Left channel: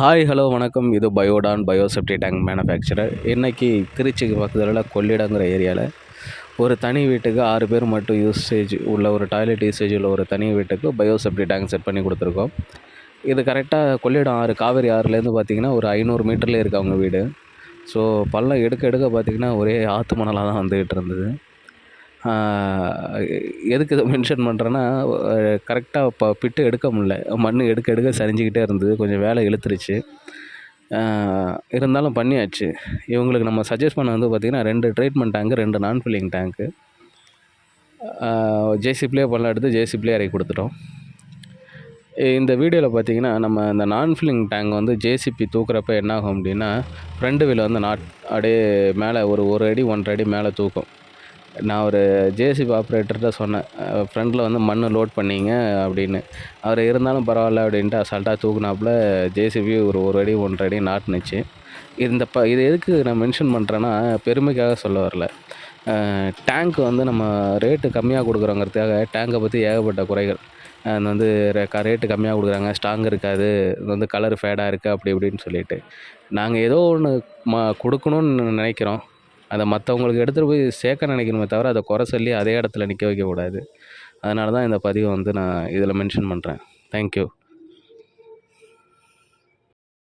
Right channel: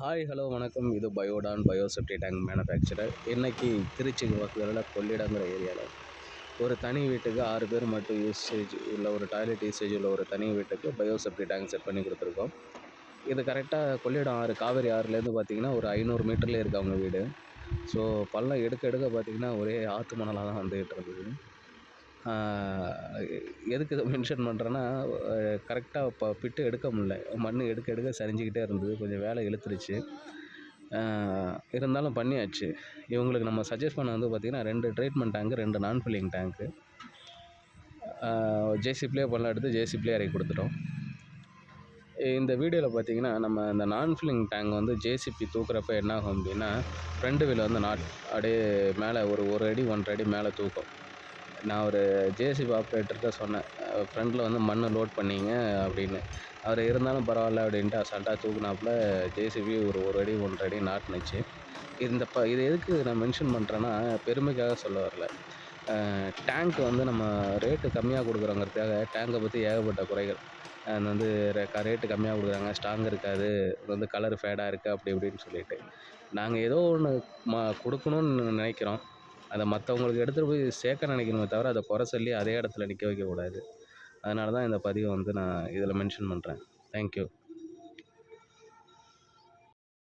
Hi hello வணக்கம். இது பயோடான் பயோசெப்டி tank manufacturer. இன்றைக்கி திருச்சிக்கு பக்கத்தில் கொள்ளிடங்கிற ஏரியாவில் ஒரு தனி வீட்டுக்கு 6 பேர் மட்டும் யூசேஜ் உள்ள ஒரு டாய்லெட் யூசேஜ் உள்ள ஒரு தனி வீட்டுக்கு பயோசெப்டி டேங்க் செட் பண்ணி கொடுத்துருக்கோம். இது கரெக்டாக கொள்ளிடம் ஆறு, காவேரி ஆறுலேருந்து பார்த்திங்கன்னா ஒரு 500 மீட்டர்லேயே இருக்குது அவங்க வீடு. ஸோ பள்ளம் எடுக்க எடுக்க பார்த்திங்கன்னா ஒரே ஆற்று மணலாக தான் வந்துக்கிட்டு இருந்தது. எதுக்கு இதை மென்ஷன் பண்ணுறேன்னா, கரெக்டாக பிட்டு எடுக்க முடில, மண் எடுக்க எடுக்க சரிஞ்சிக்கிட்டே இருந்தது. கொஞ்சம் வேலை இழுத்துருச்சு. இருந்தாலும் பண்ணியாச்சு. இவங்களுக்கு நம்ம சஜஸ்ட் பண்ண வந்து பார்த்திங்கன்னா 2 ட்ரீட்மெண்ட் டேங்க்கு, 2 நான் ஃபில்லிங் டேங்க்கு. ஜேசிபிலே பள்ளம் எடுத்து ஜேசிபிலே இறக்கி கொடுத்துட்டோம். இந்த வீடியோவில் பார்த்திங்கன்னா நம்ம இந்த நான் ஃபில்லிங் டேங்க் வந்து ஜேசிபி தூக்குறப்ப என்ன ஆகும் அப்படின்னா, ஃப்ரண்ட் வீல் வந்து அப்படியே மேலே ஒரு அடி 1.5 அடி மேலே தூக்கும். நான் ஒரு ஜேசிபி ஆப்ரேட்டர்கிட்ட சொன்னேன், ஃப்ரண்டில் வந்து மண் லோட் பண்ணிங்க அப்படின்னு. அவர் இருந்தாலும் பரவாயில்ல அப்படின்ட்டு அசால்ட்டாக தூக்குனாப்புல ஜேசிபி ஒரு அடி 1.5 அடி நாட்டுனுச்சு. இது எதுக்கு நான் மென்ஷன் பண்ணுறேன்னா, பெருமைக்காக சொல்ல வரல. டேங்க் வந்து நம்ம ரேட்டு கம்மியாக கொடுக்குறோங்கிறதுக்காக டேங்கை பற்றி ஏகப்பட்ட குறைகள். அது வந்து ரேட்டு கம்மியாக கொடுக்குறாங்க, ஸ்ட்ராங் இருக்காது, இது வந்து கலர் ஃபேடாக இருக்குது அப்படி இப்படின்னு சொல்லிட்டு. நாங்கள் ஏதோ ஒன்று கொடுக்கணுன்னு நினைக்கிறோம். அதை மற்றவங்களுக்கு எடுத்துகிட்டு போய் சேர்க்க நினைக்கணுமே தவிர, அதை குறை சொல்லி அதே இடத்துல நிற்க வைக்கக்கூடாது. அதனால தான் இந்த பதிவை வந்து நான் இதில் மென்ஷன் பண்ணுறேன். தேங்க்யூ.